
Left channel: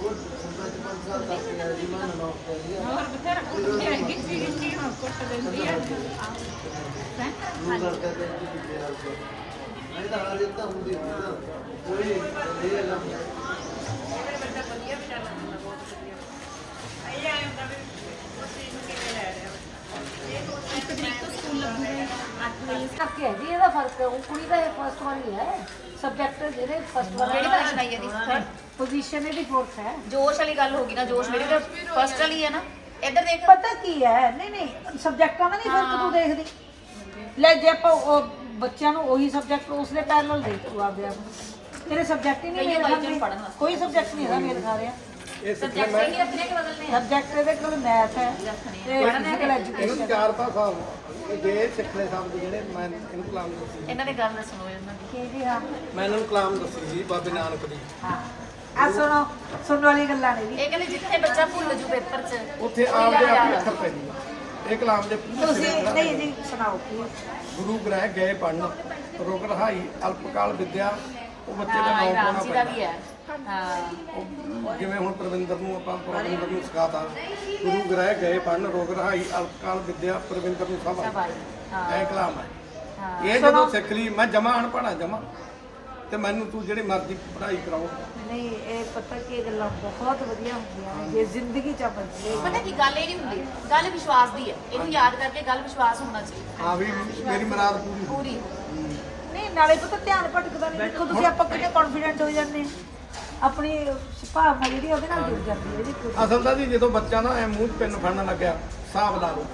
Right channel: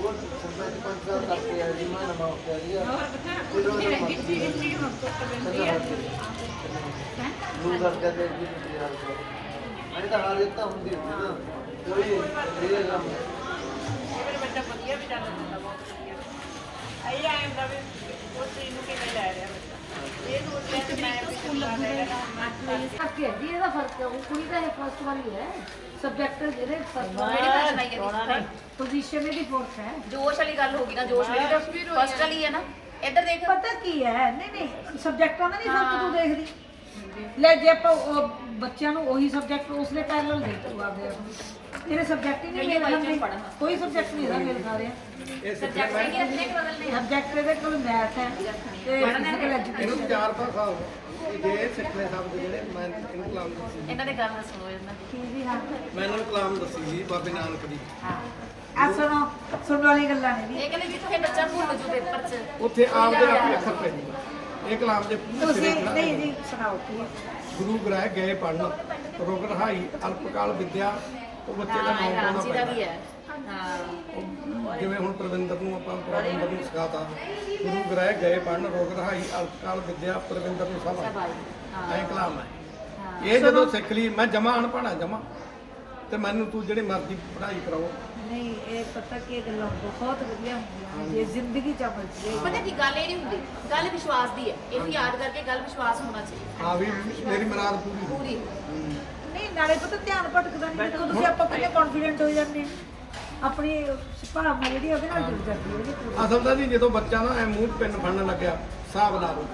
ਭੈਣ ਕੋਈ ਬਾੜੀ ਵੱਡੀ ਗੱਲ ਨਹੀਂ ਛੋਟੀ ਭੈਣ ਕਿੰਨੀ ਹਾਂ ਬਹੁਤ ਛੋਟੀ ਹੈ ਕਿੰਨੀ ਕਿੰਨੀ ਕਲਾਸ ਚ ਹੈ ਕਿੰਨੇ ਕਿੰਨੇ ਸਾਲ ਦੀ ਹੈ ਇਹ 8ਵਾਂ ਲੱਗਾ ਹੋਰ ਬਥੇਰਾ ਬਥੇਰਾ ਗਿੱਚੀ ਗਿੱਚੀ ਹੁਣ ਕੁੱਟ ਲੈਂਦੀ ਹੈ ਇੱਕ ਤਰੀਕ ਤੋਂ ਸਕੂਲ ਲੱਗੂਗਾ 8 ਵਜੇ ਕਰਕੇ ਹੈ ਜੀ ਇਹਦਾ ਫਰਕ ਹੈ ਉਹ ਕੁੜੀ ਦਾ ਇਹ ਫਸਟ ਵਾਲੀ ਹੈ ਸਬਜੈਕਟ ਜਿਹੜੇ ਫਸਟ ਕਿਹੜੀ ਕਲਾਸ ਆਈ ਹੈ ਪੋਜੀਸ਼ਨ ਇਹਦੀ ਫੋਰਥ ਹੈ। ਜੋਸ਼ ਵਾਲੀ ਗੱਲ ਹੋ ਗਈ ਨਾ ਜੋਸ਼ ਮੇਰੀ ਤਾਂ ਫਸਟ ਵਾਲੀ ਹੈ ਨਾ। ਇੱਧਰ ਦੇਖ। ਪਤਾ ਕੀ ਹੈ? ਨਹੀਂ ਨਹੀਂ ਸਬਜੈਕਟਾਂ ਦਾ ਨਹੀਂ ਫ਼ਰਕ ਤੂੰ ਦੇਖਦੀ। ਲੈ ਜੇ ਆਪਾਂ ਉਹ ਬੱਚਿਆਂ ਨੂੰ ਉਹੀ ਸਬਜੈਕਟ ਉਸਦੇ ਪੈਰਲਲ ਦੇ ਤੂੰ ਆਪਦੇ ਆਪ ਨੂੰ। ਤੇਰੇ ਸਬਜੈਕਟ ਹੀ ਨਹੀਂ ਮੇਲ ਖਾਂਦੇ ਕੋਈ ਸਬਜੈਕਟ ਨਹੀਂ ਇਹਦਾ ਮੇਲ ਖਾ ਰਿਹਾ ਸਬਜੈਕਟ ਇਹਦੇ ਕੋਲ ਮੈਥ ਹੈ ਤੇ ਫਿਜ਼ੀਕਲ ਐਜੂਕੇਸ਼ਨ ਚਾਰ ਭਾਸ਼ਾ ਜੇ ਸਿੱਖਣੇ ਸ਼ਬਦ ਜਿਹੜੇ ਮੈਂ ਇਹਨੂੰ ਕਲਾਮ ਦੱਸੀ ਇਹਨਾਂ ਦੇ ਗੱਲ ਨਾ ਸੁਣੋ ਇਹਨਾਂ ਦੀ। ਕੀ ਜੀ ਹਾਂ। ਮੈਂ ਇਹਨਾਂ ਨੂੰ ਕਲਾਮ ਦੱਸੀ ਸੀ ਬਾਬੇ ਨਾਨਕ ਦੀ। ਹਾਂ। ਆ ਸੁਣੋ ਸੁਣਨ ਵਾਲੀ ਗੱਲਾਂ ਨੇ ਜੀ। ਇਹ ਕਹਿੰਦੇ ਜਿੱਥੇ ਬੱਚਾ ਭੁੱਲ ਜੂ ਪੇਪਰ 'ਚ ਉੱਥੇ ਆਪਦੇ ਆਪਣੇ ਅੱਖਰ ਪੈ ਜੂਗਾ ਇਹ ਕਲਾਮ ਦੇ ਪੂਰੇ ਤੁਸੀਂ ਸਿਰੇ ਨਹੀਂ ਜੀ ਸੁਣਾਓ ਕੀ ਗੁਰੂ ਗ੍ਰਹਿ ਗਏ ਪੜਨ ਰੋਗ ਰਹਾਈ ਅਲਪਕਾਲ ਵਿਦਿਆ ਉਹ ਬੱਚੇ ਦਾ ਨਾਮ ਪਾਉਣਾ ਰਾਮ ਜੀ ਦਾ ਵੀ ਪੈਂਦਾ ਉਹ ਜਿਵੇਂ ਹੁਣ ਪ੍ਰਵਿੰਦਰ ਨੂੰ ਆਪਾਂ ਪ੍ਰਵਿੰਦਰ ਨੂੰ ਸਿਖਾਤਾ ਗੁਰੂ ਗ੍ਰਹਿ ਗਏ ਪੜਨ ਰੋਗ ਰਹਾਈ ਅਲਪਕਾਲ ਵਿਦਿਆ ਪ੍ਰਵਿੰਦਰ ਨੂੰ ਸਭ ਆਈ ਹਾਂ। ਐ ਕਲਾਮ ਹੈ। ਇਹ ਜਦੋਂ ਸਿੱਖ ਲਈ ਮੈਂ ਜਮਾ ਅਨਪੜਾ ਜਮਾ। ਤੇ ਮੈਨੂੰ ਤੂੰ ਜਿਹੜੀ ਮਰਜ਼ੀ ਪੜ੍ਹਾਈ ਕਰਾਓ। ਨਹੀਂ ਇਹ ਪਤਾ ਕੀ ਗੱਲਾਂ ਬਹੁਤ ਵਧੀਆ ਹੁੰਦੀਆਂ ਨੇ ਜੇ ਜ਼ਿੰਦਗੀ ਚ ਆਪਾਂ ਜੀ ਪਤਾ ਕੀ ਗੱਲ ਇਹ ਨਹੀਂ ਹੁੰਦੀ? ਗੱਲ ਵਿਸ਼ਵਾਸ ਦੀ ਹੈ। ਇਹਨੂੰ ਯਾਦ ਕਰਕੇ ਗੱਲ ਵਿਸ਼ਵਾਸ ਹੋਣਾ ਚਾਹੀਦਾ। ਹਾਂ ਵੀ ਮੇਰੀ ਮੁਰਾਦ ਪੂਰੀ ਹੋ ਪੂਰੀ ਨਹੀਂ ਨਾਲੇ ਪਤਾ ਧਿਆਨ ਭਟਕਦਾ ਨਹੀਂ ਤੁਸੀਂ ਆਪਾਂ ਕਿੰਨੇ ਕੌਨਫੀਡੈਂਟ ਹੋ ਜਾਂਦੇ ਹਾਂ। ਆਪਣੀ ਭਾਵਨਾ ਜਿਹੜੀ ਉਹਦੇ ਨਾਲ ਜੁੜ ਜਾਂਦੀ ਹੈ ਜਿਹੜੀ ਪੂਰੀ। ਅਸਲ ਤਾਂ ਜੀ ਜਦੋਂ ਬੱਚਾ ਨਾ ਐ ਮੂੰਹ 'ਚ ਪੈਨ ਫੜਨ ਲੱਗਿਆ ਹਿਸਾਬ ਲਾ ਲਓ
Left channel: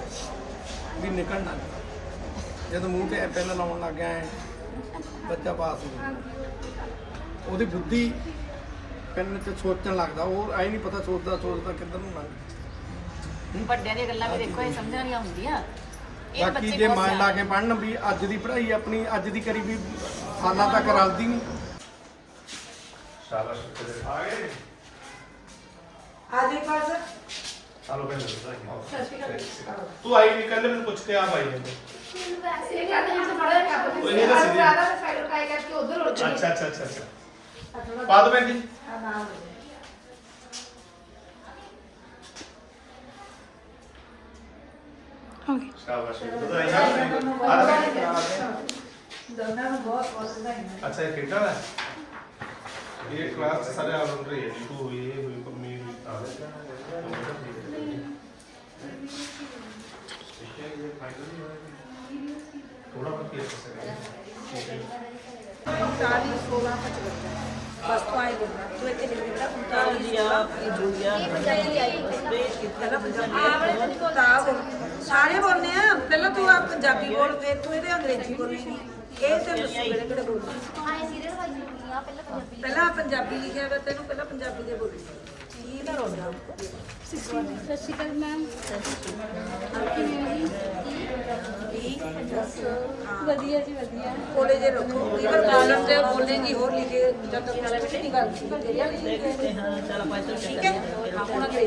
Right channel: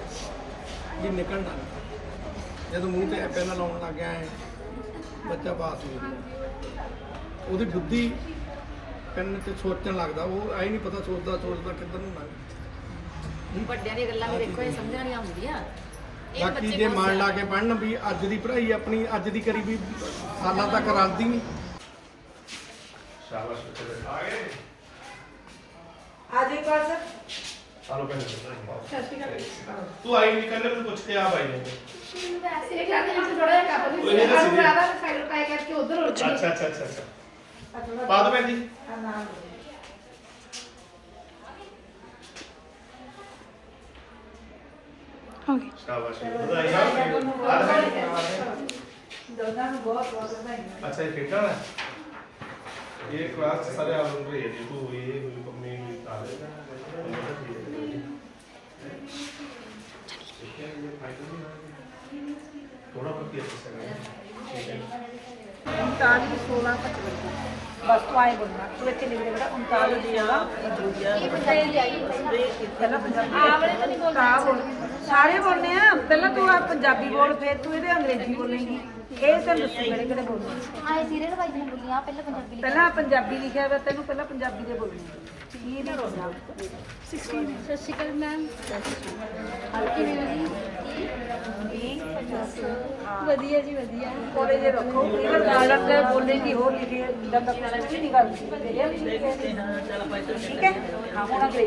ਵੀ ਨਿਕਲਣਾ ਨਹੀਂ ਜਦੋਂ ਮੂੰਹ ਤੇ ਪੈਨ ਲਾਉਣ ਲੱਗ ਗਿਆ ਐ ਬੱਚਾ ਪਾਸ ਹੋ ਗਿਆ ਉਹਦੀ ਬੁੱਧੀ ਪੈਨ ਤੇ ਸੋਚਣ ਲੱਗਦਾ ਉਹ ਐ ਨਹੀਂ ਪਤਾ ਸੋਚਦਾ ਸੋਚਦਾ ਕਿੱਧਰ ਨੂੰ ਲੰਘ ਵੱਡਿਆਂ ਦੀਆਂ ਗੱਲਾਂ ਵੀ ਦੇਖੋ ਇਹ ਸਮਝਣੀਆਂ ਹੁੰਦੀਆਂ। ਇਹ ਬਾਕੀ ਬੱਚੇ ਜੇ ਬਹੁਤ ਮਨ ਲਾ ਕੇ ਪੜਨ ਵੀ ਅੱਜ ਦੀ ਪੜ੍ਹਾਈ ਆਪਣੀ ਅੱਜ ਦੀ ਕਰੀ ਵੀ ਸਾਲਾਂ ਤੱਕ ਰਲਦੀ ਨਹੀਂ। शाबाश बेटा आ गए आदि पास हेलो बहन तू आई निकल ले मैं पूछते आप आई है वैसे क्या नहीं तो बड़ा क्या बोलूँ आज ज़्यादा फ़ाइल का एक के उधर हो जाए अच्छा अच्छा। अच्छा। बाद में जी हाँ हाँ। अच्छा है। कितना है? अच्छा, ये क्लास सारे ऑलराउंडर है। देखो ये हुई कमी हुई था। थोड़ा पति है अच्छा उनतालीस सोलह बस तो आए लोग उनतालीस तो तो हाँ, सारे बोलने पहले तो आप पंजाबी बोलते हैं अंग्रेज़ी बोलने। ਤੋਂ ਤੂੰ ਬੋਲ ਤੂੰ ਇਹ ਦੀ ਲੋੜ ਨਹੀਂ। ਆਏ ਸੀਰੀਅਲ ਵਾਈਜ਼ ਬੋਲੀ ਆ ਪਹਿਲਾਂ ਪੰਜਾਬੀ ਪਹਿਲਾਂ ਪੰਜਾਬੀ ਲਿਖਿਆ ਹੋਇਆ ਤੈਨੂੰ ਪਹਿਲਾਂ ਪੰਜਾਬੀ ਦੇ ਬੋਲੀ। ਇਹ ਨਾ ਰੋਣਾ ਸਤਿ ਸ਼੍ਰੀ ਅਕਾਲ ਮੈਮ ਕਿਵੇਂ ਹੋ ਜੀ ਵਧੀਆ ਜੀ ਵਧੀਆ। ਉਹਦੇ ਦੇ ਰੱਖੋ। ਇਹ ਡਾਲਰ ਤੇ ਬੋਲਦੇ ਜੀ ਹੋਰ ਲਿਖੇ ਜਦ ਤੱਕ ਰੈਸਟ ਨਹੀਂ ਗੱਲ ਸੀ ਹਾਂ ਚਲ ਪਾਸੇ ਠੀਕ ਹੈ। ਆਪਣਾ ਦੇ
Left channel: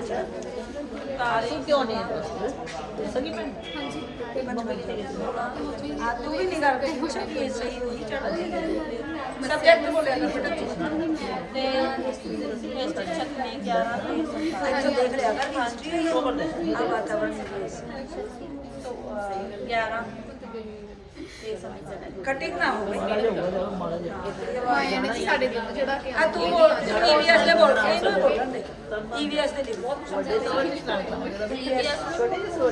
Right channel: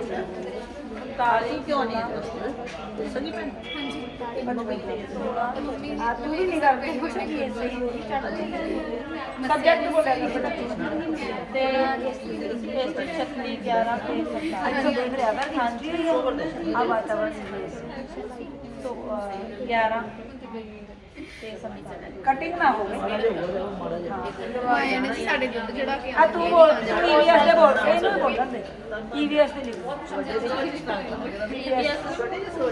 ਤਾਲੀ ਕਿਉਂ ਨਹੀਂ ਦੱਸਣੀ ਮੈਂ ਆ ਤੂੰ ਵੀ ਨਹੀਂ ਕਰ ਤੂੰ ਕੁਛ ਨਹੀਂ ਸਹੀ ਹੋਈ ਸਬਜੈਕਟ ਬੋਲਿਆ ਨਹੀਂ ਪਤਾ ਤੇ ਇਸ ਤੋਂ ਚੱਕਣੀ 11 ਅੱਛਾ ਦੇਖ ਰਿਹਾ ਮੈਂ ਖਾਂਦੀ ਕਟਿੰਗ ਨਾ ਹੋਵੇ ਇਹ ਨਹੀਂ ਸਾਡੇ ਦਿਲ ਜਿਹੜਾ ਕਿ ਆ ਤੂੰ ਬੋਲ ਈਵੀਐਸ ਦੇ ਬੋਲ ਇਹਨੂੰ ਹੀ ਬੋਲਣ ਦੇ ਈਵੀਐਸ ਦੇ ਲਿਖ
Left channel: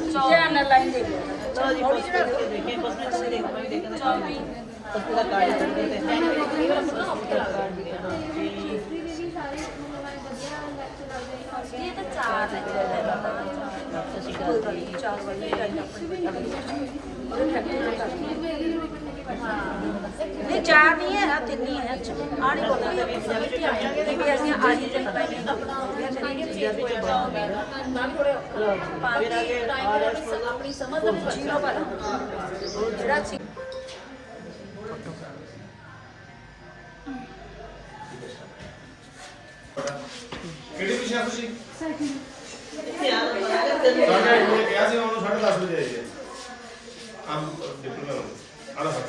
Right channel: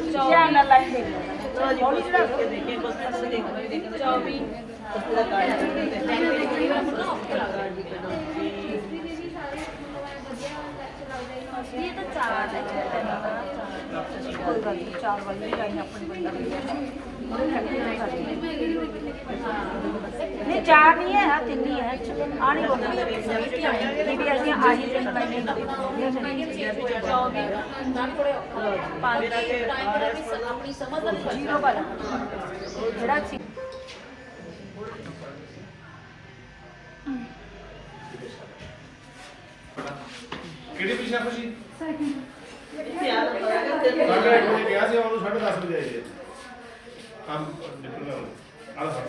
ਧਿਆਨ ਨਾਲ ਲਾਈਨ ਦੇ ਚਲੋ ਜੀ ਕੋਲ ਕਰਕੇ ਦੇਖੇ ਕੁਝ ਅਸੀਂ ਦੇਖੋ ਦੇਖੋ 24 ਪੂਰਾ ਕਾਰਡ ਇਹ ਤਾਂ ਚਾਰ ਹੈ ਕੋਈ ਗੱਲ ਨਹੀਂ ਚਾਰ ਵਾਲੀ ਟਾਈਮ ਆਪਣੀ ਇਹ ਚਾਰ ਨਹੀਂ ਹੈ ਆ ਤਿੰਨ ਹੀ ਹੈ ਆਣੀ ਬੋਲੀ ਵੀ ਅਸੀਂ ਆਹੀ ਦੇ ਆਪਣੀ ਸਮਝ ਦਾ ਜੀਰੋ ਪਰ ਜਿਹੜਾ ਚੀ- ਕਿਹੜੀ ਵਿਸ਼ਾ ਖੁਸ਼ੀ ਸਾਡਾ ਇੱਕ ਨੇ ਕਿਹਾ ਸੀ ਉਹਨੂੰ 10:30 ਵਜੇ ਆਈਏ 다음 이제 그냥 알아서.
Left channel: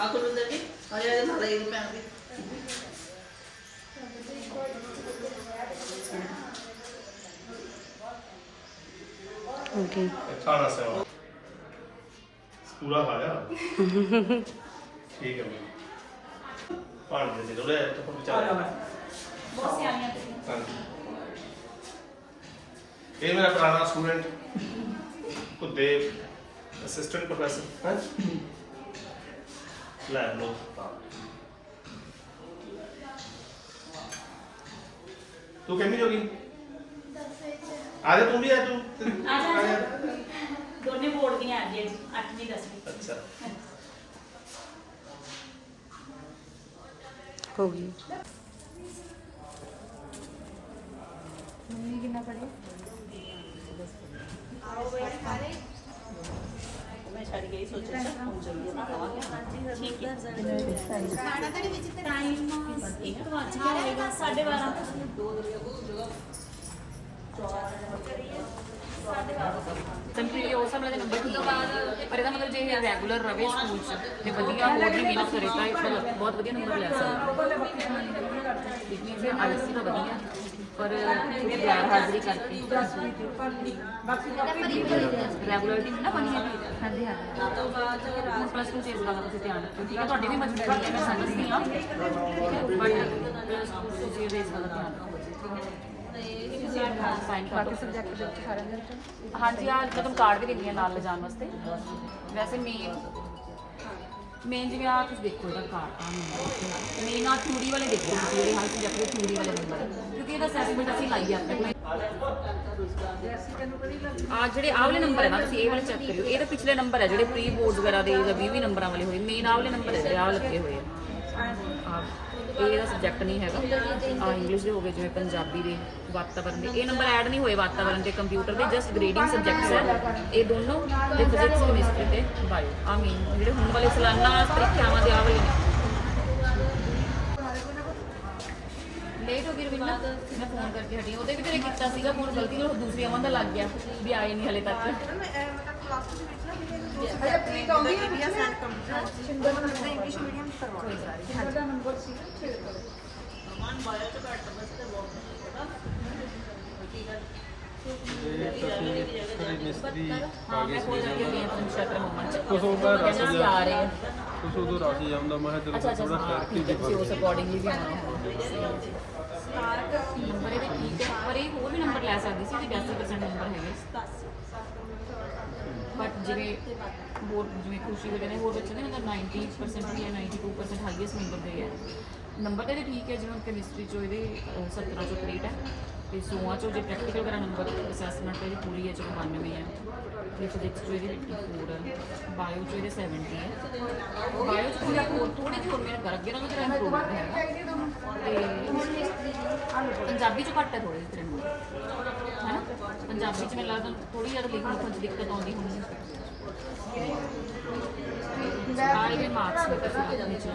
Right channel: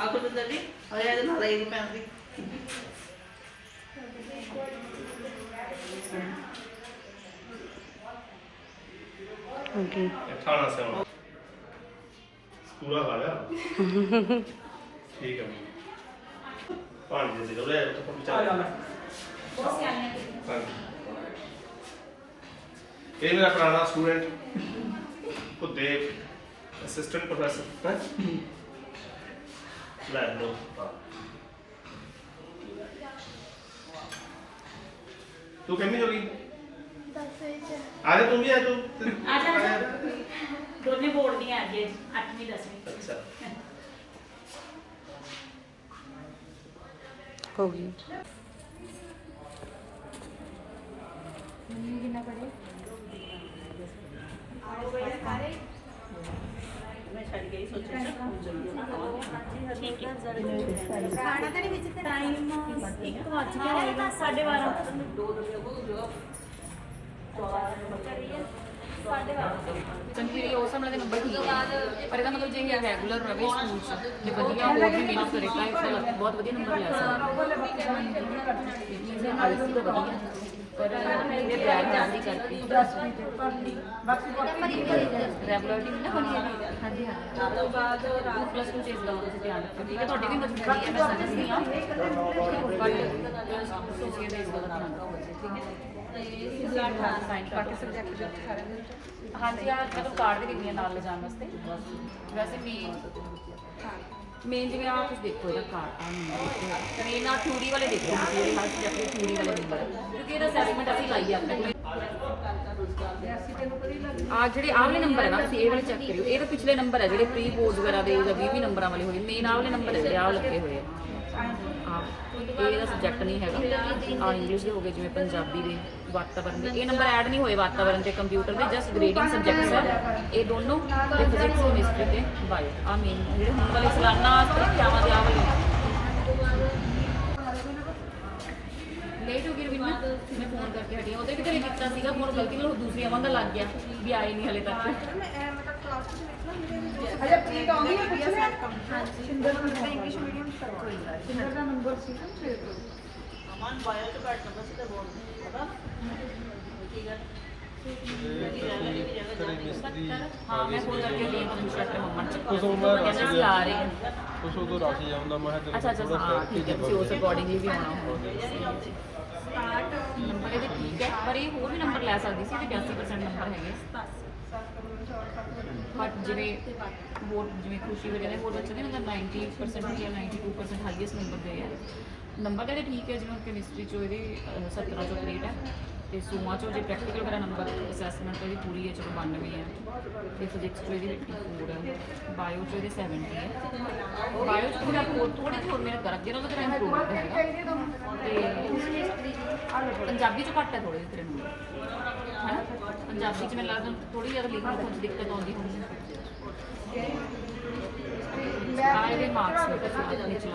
ఆకులు ఉందండి అదే నల్ల ठीक है पानी दे दो ले तो पहुंचा बहुत से आने ये मेरा पुराना स्टूडेंट कुलदेव असिस्टेंट प्रोफेसर लो हाँ। तू कहनी होगी आ जा तू भी आ तू आ जा आ जा दोनों बोर्ड भी आ गए 8वीं 10वीं अच्छा। हो गई। ਮੰਮੀ ਕਿੰਨਾ ਪੜੇ ਮੈਂ ਛੱਡ ਗਈ ਸੋਚਿਆ ਹੁਣ ਜਲਦੀ ਨਾ ਖਾਣਾ ਦੇ ਵਿੱਚ ਤੇ ਟਾਈਮ 1 ਵਜ ਕੇ ਆਏਗਾ 12:30 ਕੰਪਲੀਟ ਉਸ ਸਮੇਂ ਦੇ ਨੰਬਰ ਠੀਕ ਹੈ ਪਰ ਇਹਦਾ ਮਤਲਬ ਜੇ ਇਹ ਰੈਗੂਲਰ ਰਵੇ ਸਕੂਲ ਚ ਤੇ ਵਧੀਆ ਹੋਰ ਵੀ ਮਿਹਨਤ ਕਰੇ ਤਾਂ ਇਹ ਬਹੁਤ ਵਧੀਆ ਨੰਬਰ ਲੈ ਸਕਦਾ ਜਿੰਨੀ ਵੀ ਆਈਸੀ ਤਾਂ ਵਧੀਆ ਪਰ ਗੈਰ ਹਾਜ਼ਰੀ ਕਰਕੇ ਰੈਗੂਲਰਿਟੀ ਨਾ ਬਣੀ ਹੈਗੀ ਹਾਂਜੀ ਹਾਂ ਹੁਣ ਪਲੱਸ 2 ਚ ਇਸ ਗੱਲ ਦਾ ਤੁਸੀਂ ਧਿਆਨ ਰੱਖਿਓ ਠੀਕ ਹੈ? ਤੁਹਾਡੀ ਵੀ ਮਜਬੂਰੀ ਹੈ ਮੈਂ ਸਮਝਦੀ ਹਾਂ। ਬਟ ਪਲੱਸ 2 ਤੁਸੀਂ ਇਹਦਾ ਇਸ ਗੱਲ ਦਾ ਧਿਆਨ ਰੱਖੋ ਹਾਂਜੀ ਆ ਜਦੋਂ ਕਾਰਡ ਵੀ ਦਿੰਦੀਆਂ ਨਾਲ ਲਿਜਾਣ ਵਾਸਤੇ ਵੈਸੇ ਮੇਨ ਮੇਨ ਜਿਵੇਂ ਆ ਕੁਝ ਦੇਖੋ ਇਹਦਾ ਕਾਰਡ ਆ ਨੰਬਰ ਮੇਨ ਆ ਥਿਊਰੀ ਵਾਲੇ ਦੇਖੋ ਤੁਸੀਂ ਜਿਹੜੇ ਹਰ ਸਬਜੈਕਟ ਦੇ ਥਿਊਰੀ ਵਾਲੇ ਨੰਬਰ ਕਿਉਂਕਿ ਇਹਦਾ ਅਸੈਸਮੈਂਟ ਅਸੀਂ ਲਾਈ ਆ ਆਪਣੇ ਕੋਲ ਆ ਜਿਹੜੇ ਆਹ ਵਾਲੇ ਨੰਬਰ ਹੈ ਨਾ, ਤੁਸੀਂ ਇਹ ਵਾਲੇ ਚੈੱਕ ਕਰਿਓ। ਇਹ ਤਾਂ ਪਿਛਲੇ ਨੰਬਰ ਹੈ ਜਿਹੜੇ ਪ੍ਰੀ ਬੋਰਡ ਵਗੈਰਾ ਦੇ ਜਾਂ 20 ਨੰਬਰਾਂ ਵਾਲੇ ਹੋਏ। ਮੇਨ ਆਹ ਵਾਲੇ ਨੰਬਰ ਹੈ ਜਿਹੜੇ ਆਹ ਲੱਗੇ ਹੋਏ ਆ ਆ। ਇਹ ਇਹਦਾ ਸਬਜੈਕਟ ਨਹੀਂ ਹੈਗਾ। ਆ ਇੰਗਲਿਸ਼ ਦੇ ਹੋ ਗਏ, ਜਿਵੇਂ ਪੰਜਾਬੀ ਦੇ ਵਾਤਾਵਰਣ ਦੇ। ਇਹ ਨੰਬਰ ਐਡ ਨਹੀਂ ਹੋਏ ਵਾਤਾਵਰਣ ਤੇ ਕੰਪਿਊਟਰ ਦੇ ਜਸਟ ਗ੍ਰੇਡਿੰਗ ਸਬਜੈਕਟਸ ਹੈ। ਇਹ ਦੋਨੋਂ ਤੇ ਫਿਜ਼ਿਕਸ ਕੈਮਿਸਟਰੀ ਤੇ ਬਾਇਓ ਆ ਮੇਨ ਜਿਹੜੇ ਹੁਣ ਵਾਲੇ ਸਾਲਾਨਾ ਪ੍ਰੀਖਿਆਵਾਂ ਦੇ ਆ ਵਾਲੇ ਲੇਟ ਹੋ ਗਈ ਰਵਿੰਨਾ ਮੈਂ ਫੋਨ ਕਰਕੇ ਹਟੀ ਉਹਦੇ ਵੀ ਤੇਰੇ ਕੀਤਾ ਸੀਗਾ ਫੋਨ ਗਲਤੀ ਨਾਲ ਦੂਸਰੀ ਅਮਨ ਦਾ ਲੱਗ ਗਿਆ, ਵੀ ਆਏ ਨਹੀਂ ਹਲੇ ਤੱਕ। ਅਮਨ ਬਾਇਓ ਚ ਘੱਟ ਨੰਬਰ ਸੀ ਤੇ ਬਹੁਤ ਨਹੀਂ ਪਤਾ ਕੀ ਗੱਲ ਹਾਂ ਮੈਂ ਫੋਨ ਕਰਕੇ ਗਈ ਹਾਂ ਸ਼ਟਰ ਮੰਮਾ ਕਹਿੰਦੇ ਸੀ ਆ ਰਹੇ ਆ ਕੁਛ ਉਦੋਂ ਰਸ ਜਾਂਦਾ ਮੈਂ ਕਿਹਾ ਅੱਛਾ ਅੱਛਾ ਹਾਂ ਠੀਕ ਹੈ ਤੁਸੀਂ ਉਸ ਅਕੋਰਡਿੰਗਲੀ ਵੀ ਆਉਣਾ ਨੰਬਰ ਇਹਦੇ ਠੀਕ ਹੈ ਪਰ ਇਹ ਹੋਰ ਵੀ ਨੰਬਰ ਲੈ ਸਕਦੀ ਸੀ ਤੇ 82% ਨੰਬਰ ਹੈਗੇ ਬਟ ਜਿਵੇਂ ਹੋਰ ਜਿਵੇਂ ਖੁਸ਼ੀ ਵਗੈਰਾ ਹੋਰ ਬੱਚੇ ਨੇ ਮਤਲਬ 90% ਜਾਂ 92% ਹਾਈਐਸਟ ਨੰਬਰ ਗਏ ਆ। ਨੰਬਰ ਤਾਂ ਠੀਕ ਹੈ ਜਿਵੇਂ ਕੈਮਿਸਟਰੀ ਚੋਂ ਇਹਦੇ ਅਹ, 17 ਚੋਂ 63 ਹੈ ਤੇ ਸੋਆਂ ਚੋਂ ਜੇ ਪ੍ਰੈਕਟੀਕਲ ਵਗੈਰਾ ਨੰਬਰ ਅਸੈਸਮੈਂਟ ਤੋਂ ਪੂਰੀ ਹੈ ਚਲੋ 92 ਹੈ। ਤੇ ਫਿਜ਼ਿਕਸ ਚੋਂ ਇਹਦੀ 84 ਹੈ ਬਾਇਓ ਚੋਂ ਇਹਦੇ 70 ਹੈ। ਬਾਇਓ ਚ ਥੋੜਾ ਥੋੜੀ ਜਿਹੀ ਹੋਰ ਮਿਹਨਤ ਕਰ ਅੱਗੇ ਨਾਲੋਂ ਤੇਰਾ ਇੰਪਰੂਵਮੈਂਟ ਹੈਗਾ। ਤੇ ਪੰਜਾਬੀ ਚੋਂ ਘੱਟ ਹੈ ਥੋੜੇ ਤੇਰੇ ਨੰਬਰ ਪੰਜਾਬੀ ਚ ਮੈਨੂੰ ਲੱਗਦਾ ਥੋੜੀ ਜ਼ਿਆਦਾ ਲਿਖਣ ਲਿਖਣ ਚ ਦਿੱਕਤ ਆਉਂਦੀ ਹੋਣੀ ਮਾਰਕਸ ਤੁਸੀਂ ਨੀਚੇ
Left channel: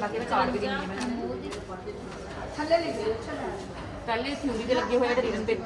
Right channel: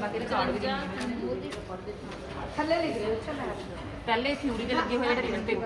ਬਾਕੀ ਵੀ ਦੇਣੀ ਹੈ ਮੈਂ। ਥੱਲੇ ਲਿਖ ਦਿਓ ਪਹਿਲੇ ਥਿਊਰੀ ਦੇ ਲੱਗੇ ਹੋਏ ਤੇ ਰਿਟਨ ਪੇਪਰ